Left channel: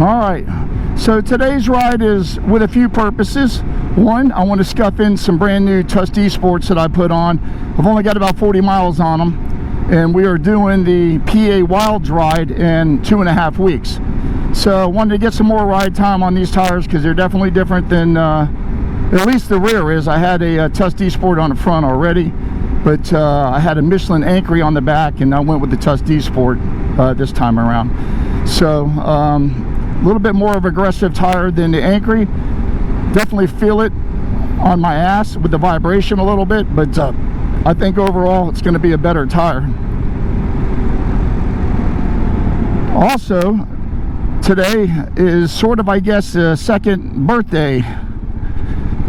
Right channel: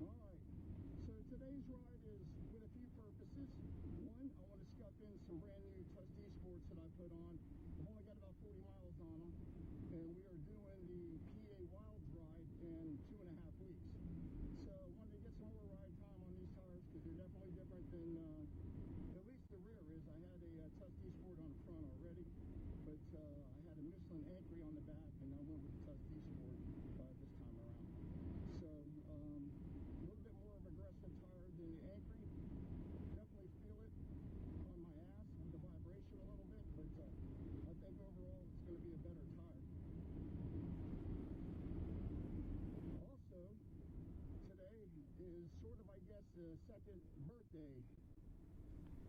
Alright, so today's ride is with a few purposes. One, I want to scuff in some brand new Tusk Sports that I put on. I've only got about 40 miles on them, and we are doing the PA Wilds ride in 2.5 weeks. So I wanted to get some more ride time on these tires because they're definitely different than, at least the rear is. I had a Tusk Sport on the front already, but I had a Michelin Anchory on the back, and I went with the Tusk Sport this time around. So a little bit more of aggressive tire than the Anchory. Definitely feel it on my ass with the vibration a little bit, but I think overall it's going to be a better tire. Also, today is sort of, I guess, a second birthday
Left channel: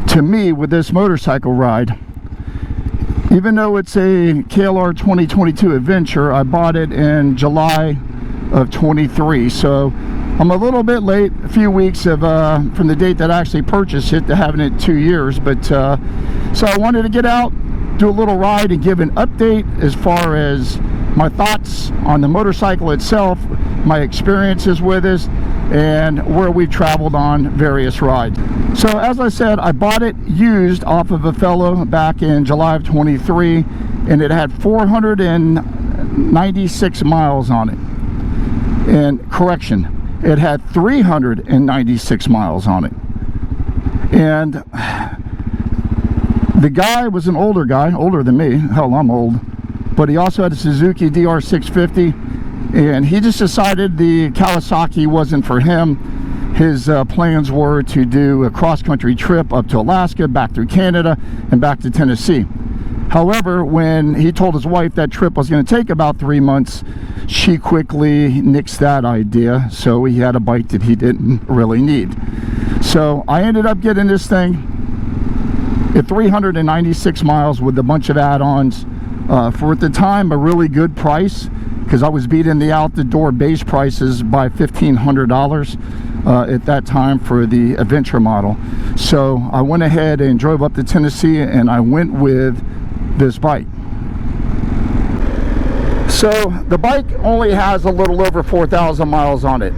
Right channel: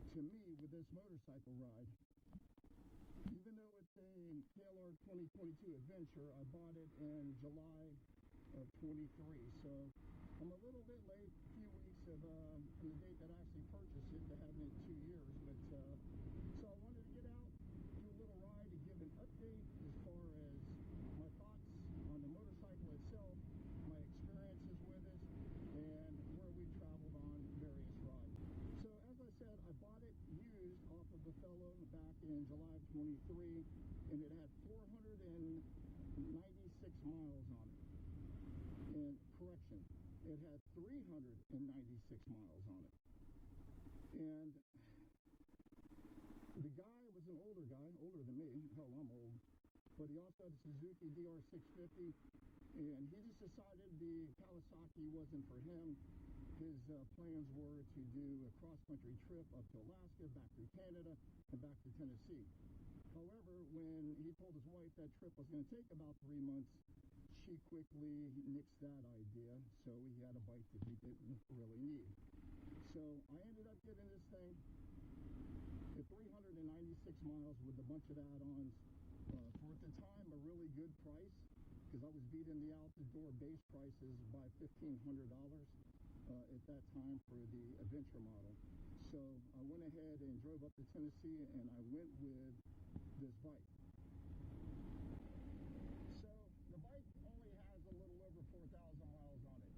to me with this motorcycle ride. Even though it's a KLR 2022 Adventure, I bought it in July of 23, so I'm a little bit late, a few weeks of from the date that I actually purchased it to having it 2 years. But so I wanted to get out, do a little ride, and give an update as far as my thoughts on the motorcycle itself, my experiences with it, and where we've traveled on various rides. So as I said, I bought it used off of a fellow back in July of 23, and it had 496 miles on it. And correction, it had 396 miles on it. And the guy was an older guy, older than me. Hell, I'm old. But he also had a Suzuki DR650, and he just decided the Kawasaki wasn't for him. His plans were to do a cross-country trip up to Alaska, back through Canada, and back to Tennessee. However, when he told his wife that trip was going to take about 3 months, she quickly nixed that idea, so he had a bike that he didn't really need. So I ended up getting this thing at 396 miles with a bunch of add-ons for, at the time, a really good price, because I was beating the out-the-door base prices by $1,500 at that time for the Adventure model. So I went ahead and drove up to Tennessee, and I went with this bike. So the bike only has a little over 4,000 miles on it.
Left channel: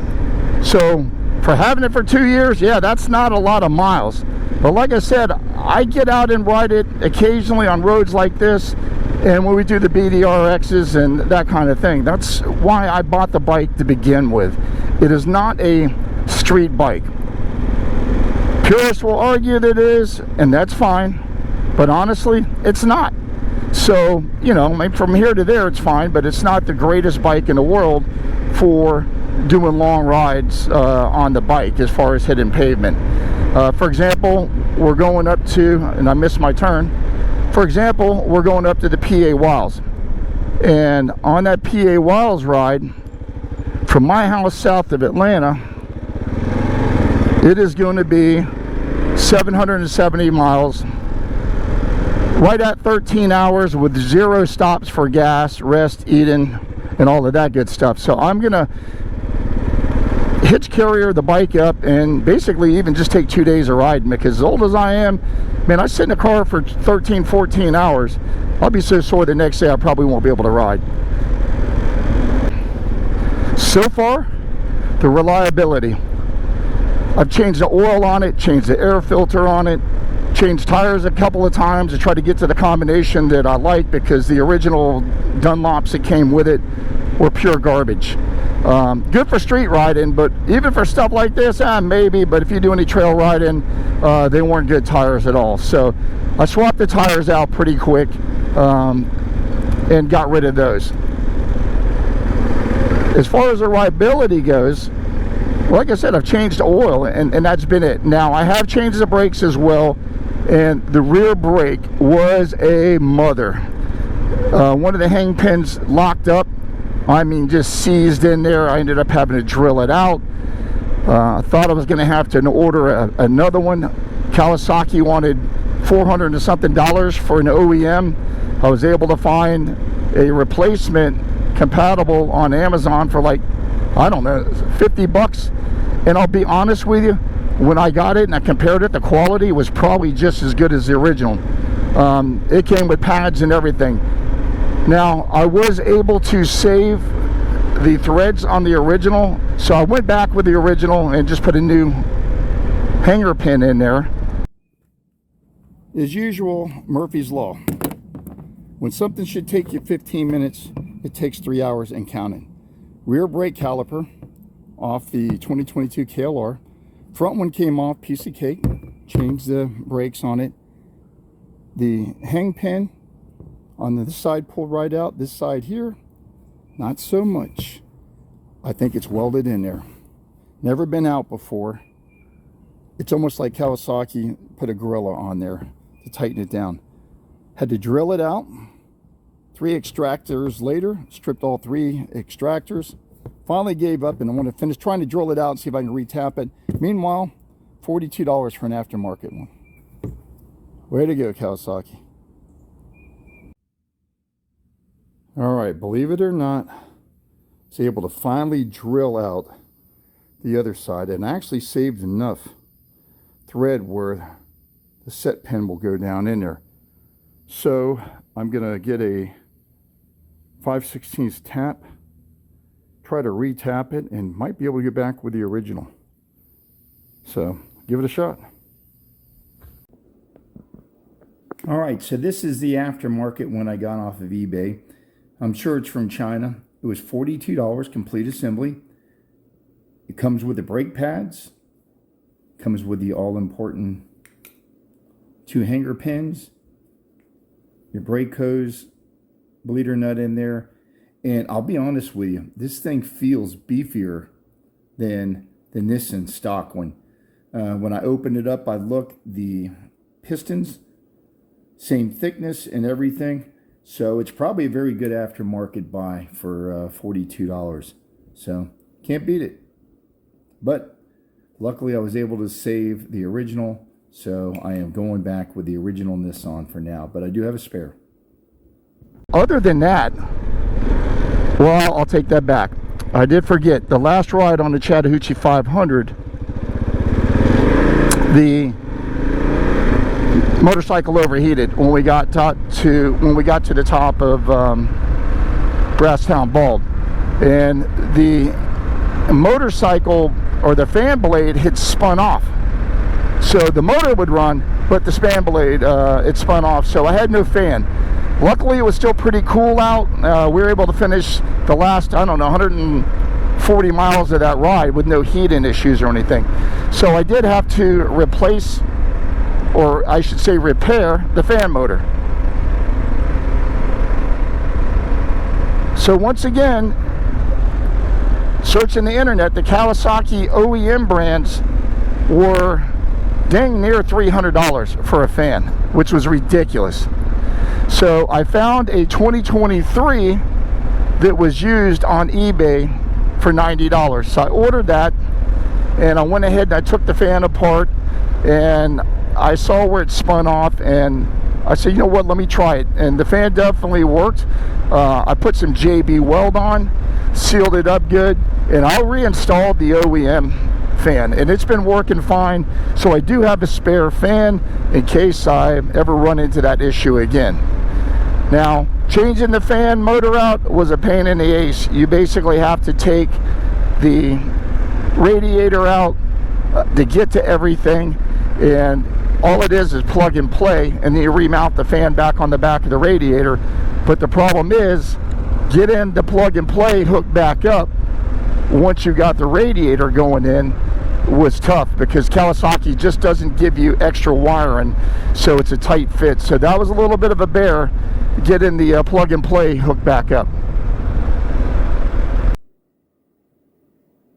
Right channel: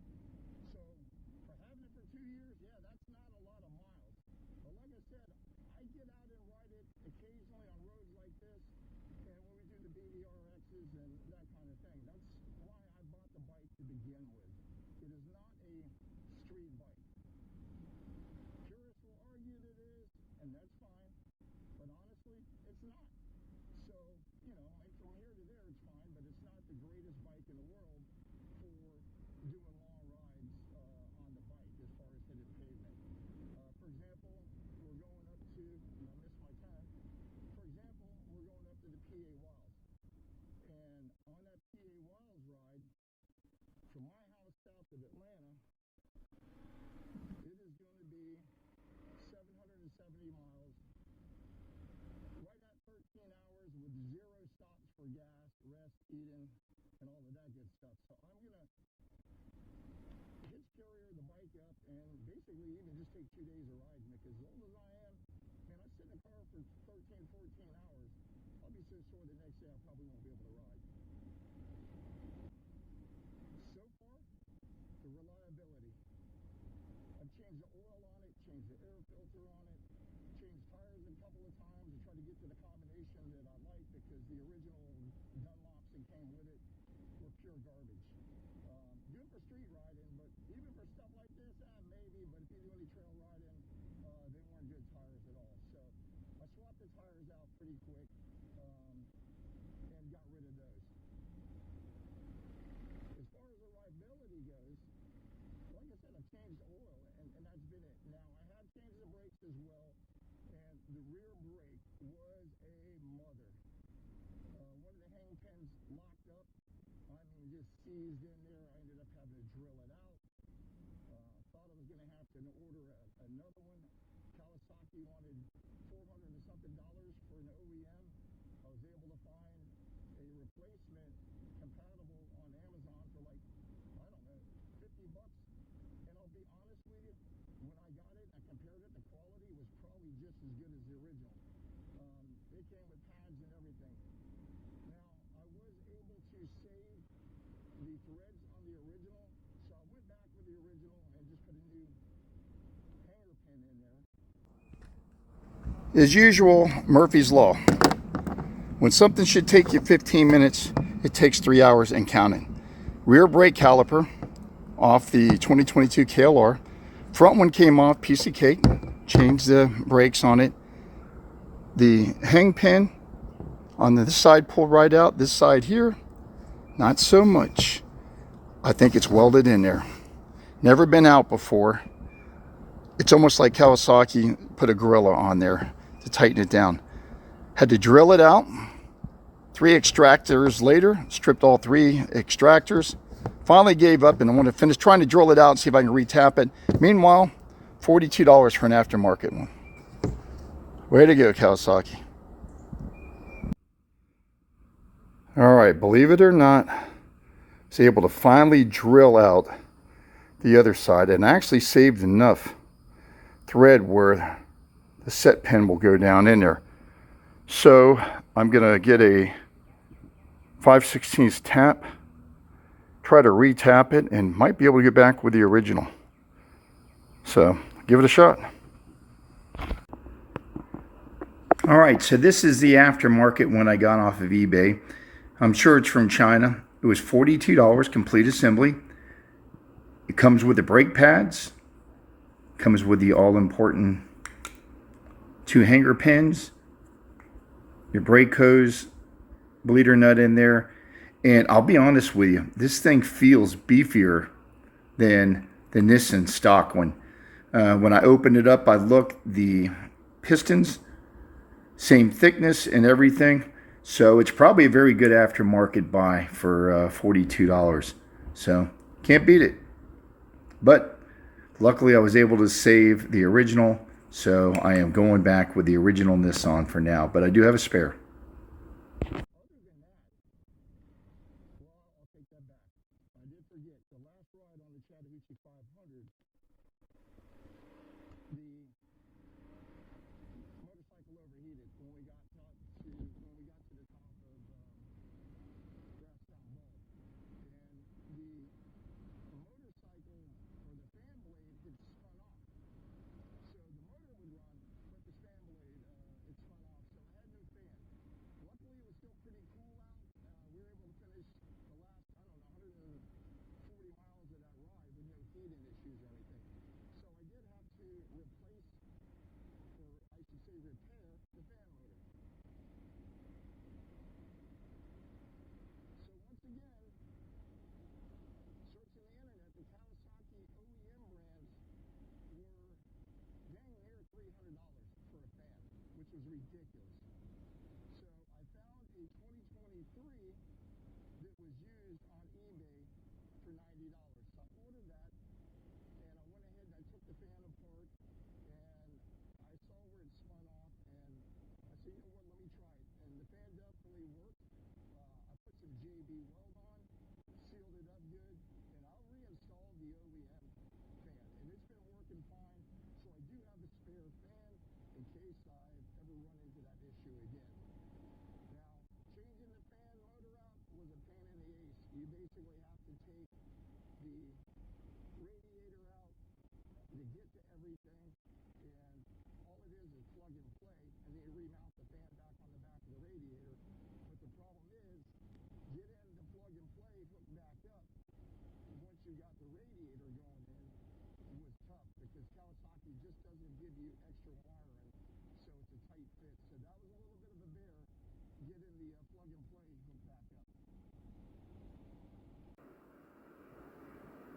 So for having it for 2 years, yeah, that's not a lot of miles. But like I said, I get out and ride it occasionally on roads like this, and when we do the BDRXs and that kind of thing. That's why I bought the bike to begin with. It is not a street bike. Purists will argue that it is, and that's fine. But honestly, it's not. So, you know, from here to there it's fine, but it's not the greatest bike in the world for doing long rides on the bike as far as hitting pavement. For example, we're going up to, and I missed my turn. For example, we're going up to the PA Wilds. And on that PA Wilds ride, from my house south of Atlanta, it is going to be 770 miles. Right at 13 hours with 0 stops for gas, rest, eating, and all of that good stuff. So I'm gonna hitch carrier the bike up and basically even just take 2 days of riding, because as old as I am, man, I sit in the car for 13, 14 hours. I'll be so sore the next day I probably won't be able to ride. So far, the reliability. I've changed the oil on it, changed the air filter on it, changed tires a couple of times to try to get to the combination that I like, because the original Dunlops that came with it were pure garbage. Good for street riding, but even for stuff like this, maybe, but if you do any trail riding, they weren't good tires at all. So I swapped the tires out pretty quick and got rid of those. As far as the rideability goes, like I said, I've changed the oil, and that's been it. Now, I have changed the brakes as well, and the rear brake was a mother. One of the hang pins locked up, I mean just seized in there. I ended up having to drill it out. I thought I was going to have to order another one. Kawasaki wanted $400 and something for an OEM. I was able to find a replacement compatible on Amazon for like, I don't know, 50 bucks. And I'll be honest with you, when I got it and I compared it, the quality was probably just as good as the original. It came with pads and everything. Now, I was able to save the threads on the original, so I went back with the original and just put a new hanger pin in there. As usual, Murphy's Law. When something should take you 15 minutes, it takes 3 hours and counting. Rear brake caliper off the 2022 KLR. Front one came off, piece of cake. Changed the brakes on it. The hang pin on this side pulled right out. This side here, not so much. I think it's welded in there. Never been out before. It's almost like Kawasaki put a gorilla on there to tighten it down. Had to drill it out. 3 extractors later, stripped all 3 extractors. Finally gave up and I want to finish trying to drill it out and see if I can retap it. Meanwhile, $42 for an aftermarket one. Way to go, Kawasaki. All right, believe it or not, I was able to finally drill out the other side and actually saved enough thread where the set pin will go down in there. So I'm gonna get a 5/16 tap, try to retap it, and might be able to get back with the original. So give it a shot. All right, so this is the aftermarket one I got off of eBay. I'm sure it's from China. It was $42, complete assembly. It comes with the brake pads, comes with the all-important 2 hanger pins, your brake hose, bleeder nut in there, and I'll be honest with you, this thing feels beefier than the Nissan stock one. When I opened it up, I looked, the pistons, same thickness and everything, so it's probably a very good aftermarket buy for $42. So can't beat it. But luckily I was able to save the original, so I am going back with the original Nissan for now, but I do have a spare. Other than that, well, I'll take that back. I did forget, the last ride on the Chattahoochee 500, the motorcycle overheated when we got to the top of Brasstown Bald, and the motorcycle or the fan blade had spun off. So the motor would run, but the fan blade it spun off, so I had no fan. Luckily, it was still pretty cool out. We were able to finish the last, I don't know, 140 miles of that ride with no heating issues or anything. So I did have to replace, or I should say repair, the fan motor. So once again, searching the internet, the Kawasaki OEM brands were dang near $300 for a fan, which was ridiculous. So I found a 2023 that was used on eBay for $90. So I ordered that, and I went ahead and I took the fan apart, and I saw where it spun off, and I said, you know what, let me try it. And the fan definitely worked. I put some JB weld on, sealed it up good, and I reinstalled the OEM fan, and it's been working fine. So I do have a spare fan in case I ever run into that issue again. Now, changing the fan motor out was a pain in the ace. You basically have to take the radiator out to get to everything, and all it is plug and play, and then you remount the fan back on the back of the radiator. But the problem is, getting the plug and play hooked back up once you got the radiator going in was tough, because Kawasaki just doesn't give you extra wiring, so it's a tight fit. So that was a little bit of a bear, getting the plug and play hooked back up.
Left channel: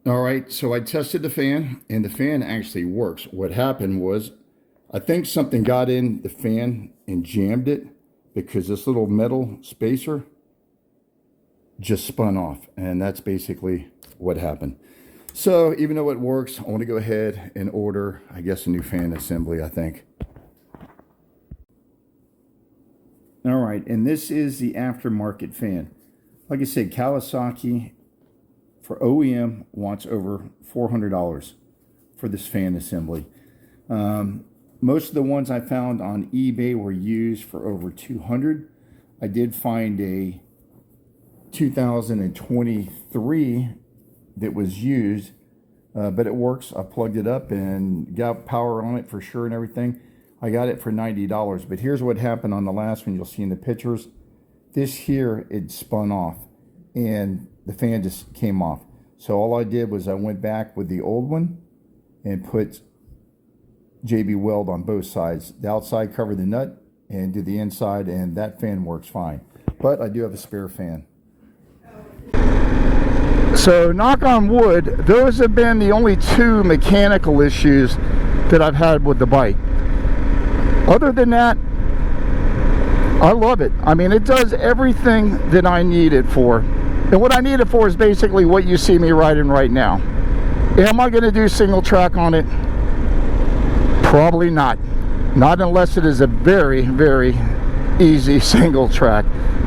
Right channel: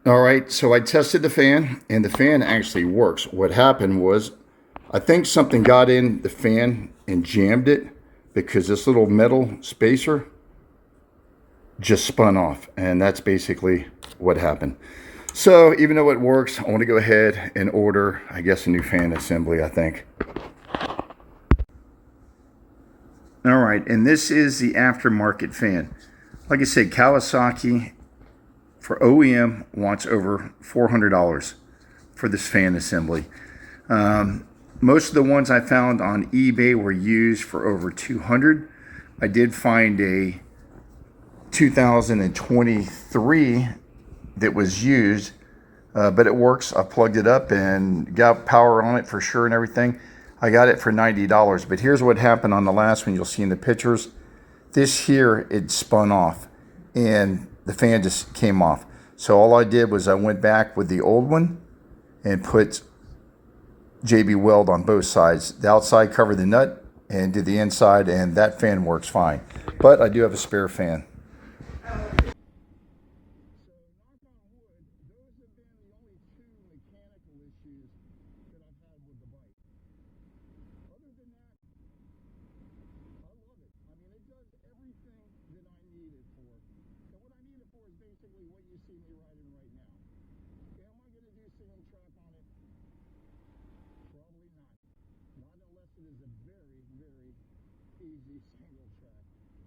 All right, so I tested the fan, and the fan actually works. What happened was, I think something got in the fan and jammed it, because this little metal spacer just spun off, and that's basically what happened. So even though it works, I want to go ahead and order, I guess, a new fan assembly, I think. All right, and this is the aftermarket fan. Like I said, Kawasaki for OEM wants over $400 for this fan assembly. Most of the ones I found on eBay were used for over $200. I did find a 2023 that was used, but it works. I plugged it up and got power on it for sure and everything. I got it for $90, but here's what happened on the last one. You'll see in the pictures. This here, it spun off and the fan just came off. So all I did was I went back with the old one and put JB Weld on both sides. The outside covered the nut and did the inside, and that fan works fine. But I do have a spare fan. So knock on wood, those have been the only two mechanical issues that I've had with the bike. Other than that, I love it. I mean, it does everything that I need it for. And what I need it for is basically what you see me riding right now. Am I going to do single track on it? Probably not. Not unless it is a very, very easy single track.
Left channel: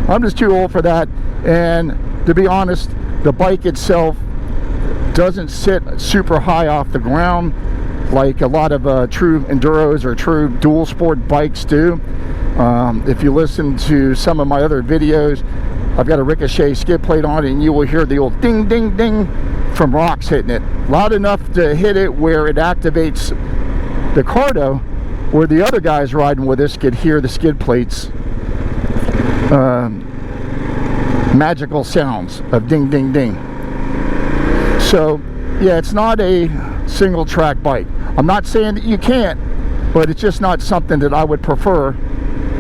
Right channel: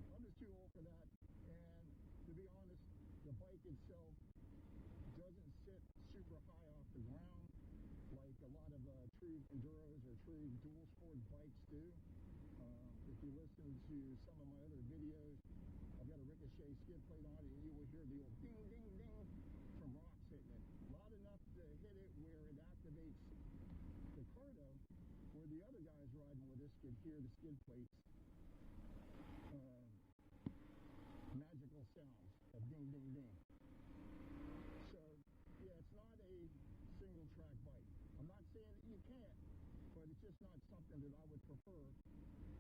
I'm just too old for that. And to be honest, the bike itself doesn't sit super high off the ground like a lot of true enduros or true dual sport bikes do. If you listen to some of my other videos, I've got a Ricochet skid plate on it, and you will hear the old ding ding ding from rocks hitting it. Loud enough to hit it where it activates the cardo, where the other guys riding with us could hear the skid plates magical sounds of ding ding ding. So yeah, it's not a single track bike. I'm not saying that you can't, but it's just not something that I would prefer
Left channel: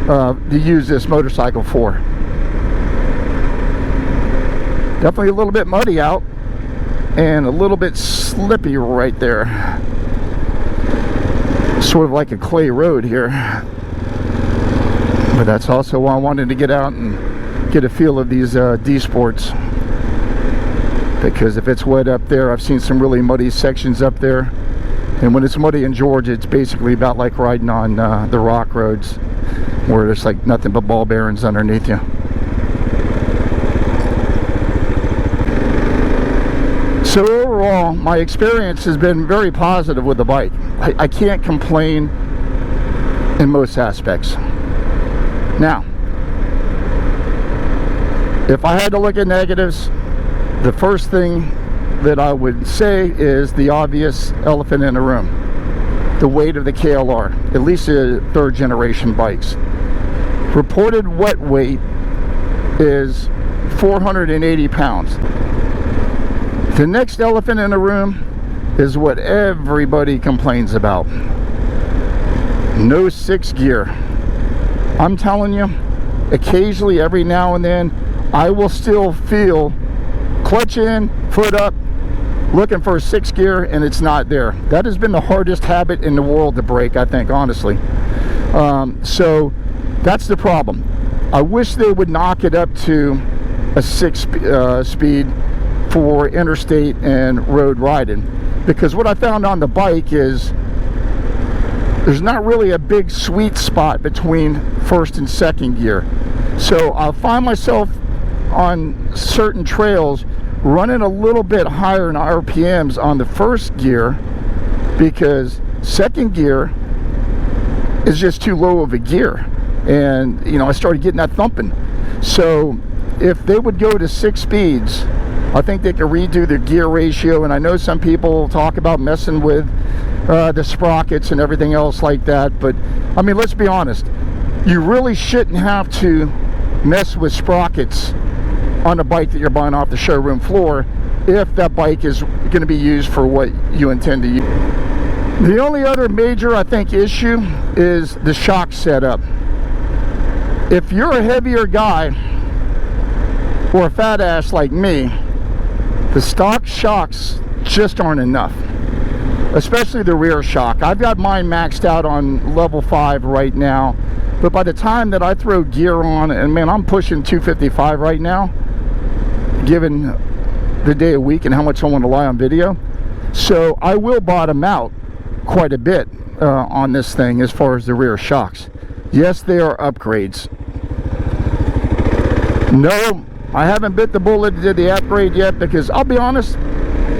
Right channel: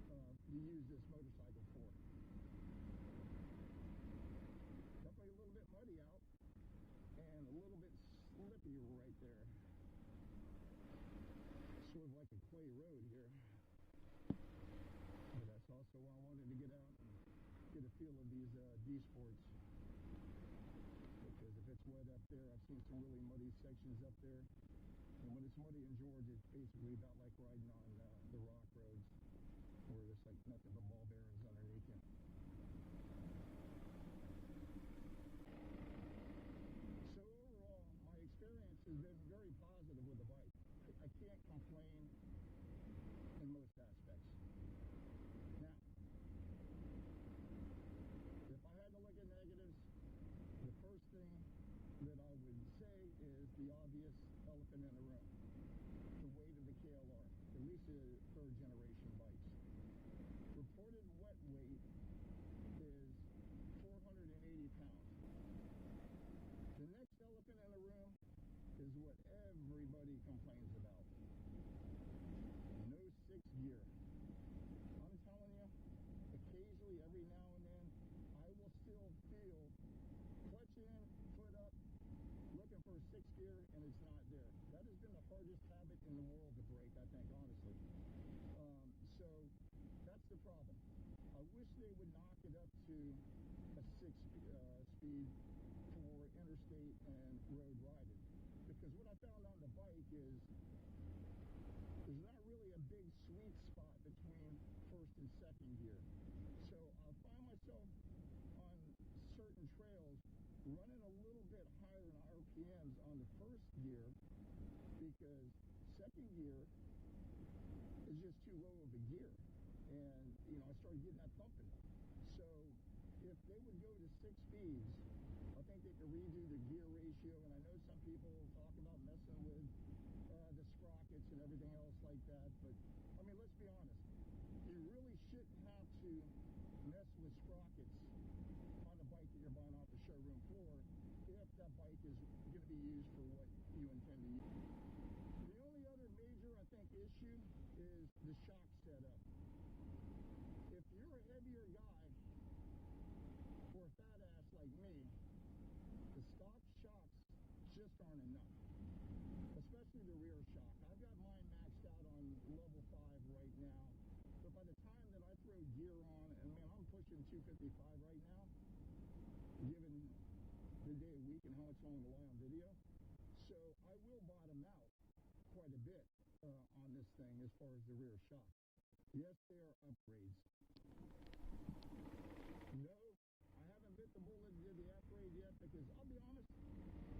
to use this motorcycle for. Definitely a little bit muddy out and a little bit slippy right there. Sort of like a clay road here. But that's also why I wanted to get out and get a feel of these D-Sports. Because if it's wet up there, I've seen some really muddy sections up there. And when it's muddy in Georgia, it's basically about like riding on the rock roads where there's like nothing but ball bearings underneath you. So overall, my experience has been very positive with the bike. I can't complain in most aspects. Now, if I had to look at negatives, the first thing that I would say is the obvious elephant in the room. The weight of the KLR, at least the third generation bikes. Reported wet weight is 480 pounds. The next elephant in the room is what everybody complains about. No 6th gear. I'm telling you, occasionally, every now and then, I will still feel clutch in, foot up, looking for a 6th gear, and it's not there. That has been the hardest habit in the world to break, I think, honestly. So that's the problem. I wish they would knock it up to a 6 speed for interstate and road riding, because what I found on the bike is there's not really a big sweet spot between 1st and 2nd gear. So I'll find myself on certain trails running a little bit higher in RPMs on the 1st gear because 2nd gear is just too low of a gear, and you know, I started getting that thumping. So if they would go to 6 speeds, I think they could redo the gear ratio. And I know some people talk about messing with the sprockets and everything else like that, but I mean, let's be honest, you really shouldn't have to mess with sprockets on a bike that you're buying off the showroom floor if that bike is going to be used for what you intend to use. The only other major, I think, issue is the shock setup. If you're a heavier guy or a fat ass like me, the stock shocks just aren't enough, especially the rear shock. I've got mine maxed out on level 5 right now, but by the time that I throw gear on, and man, I'm pushing 255 right now, given the day of week and how much I want to lie on video. So I will bottom out quite a bit on this thing as far as the rear shocks. Yes, they are upgrades. No, I haven't bit the bullet to the upgrade yet, because I'll be honest,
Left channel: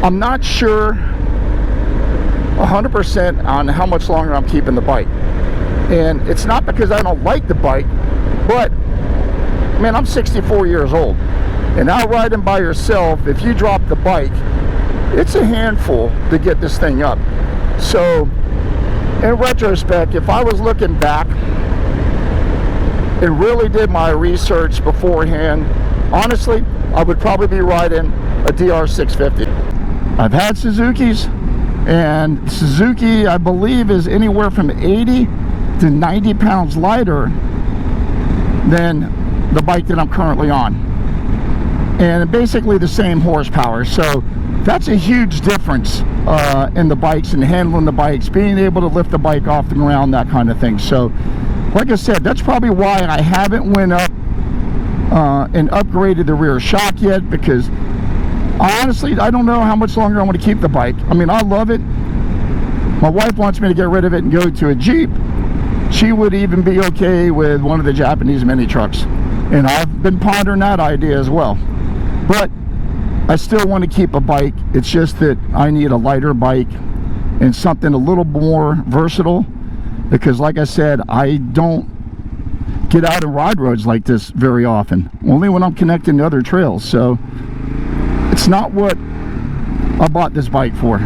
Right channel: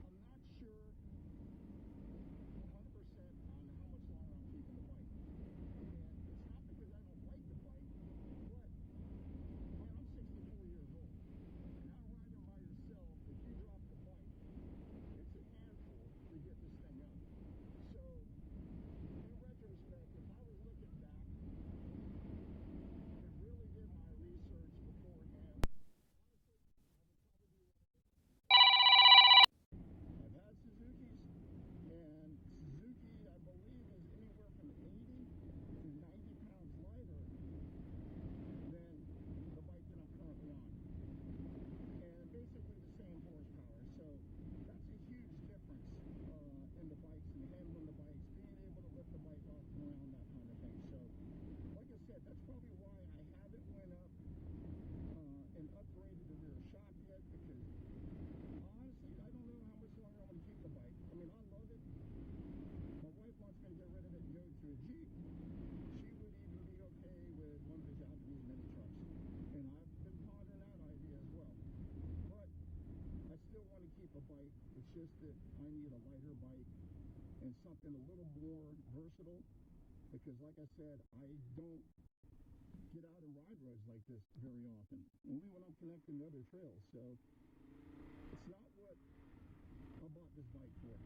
I'm not sure 100% on how much longer I'm keeping the bike. And it's not because I don't like the bike, but man, I'm 64 years old, And out riding by yourself, if you drop the bike, it's a handful to get this thing up. So in retrospect, if I was looking back and really did my research beforehand, honestly, I would probably be riding a DR650. I've had Suzuki's, and Suzuki, I believe, is anywhere from 80 to 90 pounds lighter than the bike that I'm currently on, and basically the same horsepower. So that's a huge difference in the bikes and handling the bikes, being able to lift the bike off the ground, that kind of thing. So like I said, that's probably why I haven't went up and upgraded the rear shock yet, because honestly, I don't know how much longer I want to keep the bike. I mean, I love it. My wife wants me to get rid of it and go to a Jeep. She would even be okay with one of the Japanese mini trucks. And I've been pondering that idea as well. But I still want to keep a bike. It's just that I need a lighter bike and something a little more versatile, because like I said, I don't get out and ride roads like this very often, only when I'm connecting to other trails. So it's not what I bought this bike for.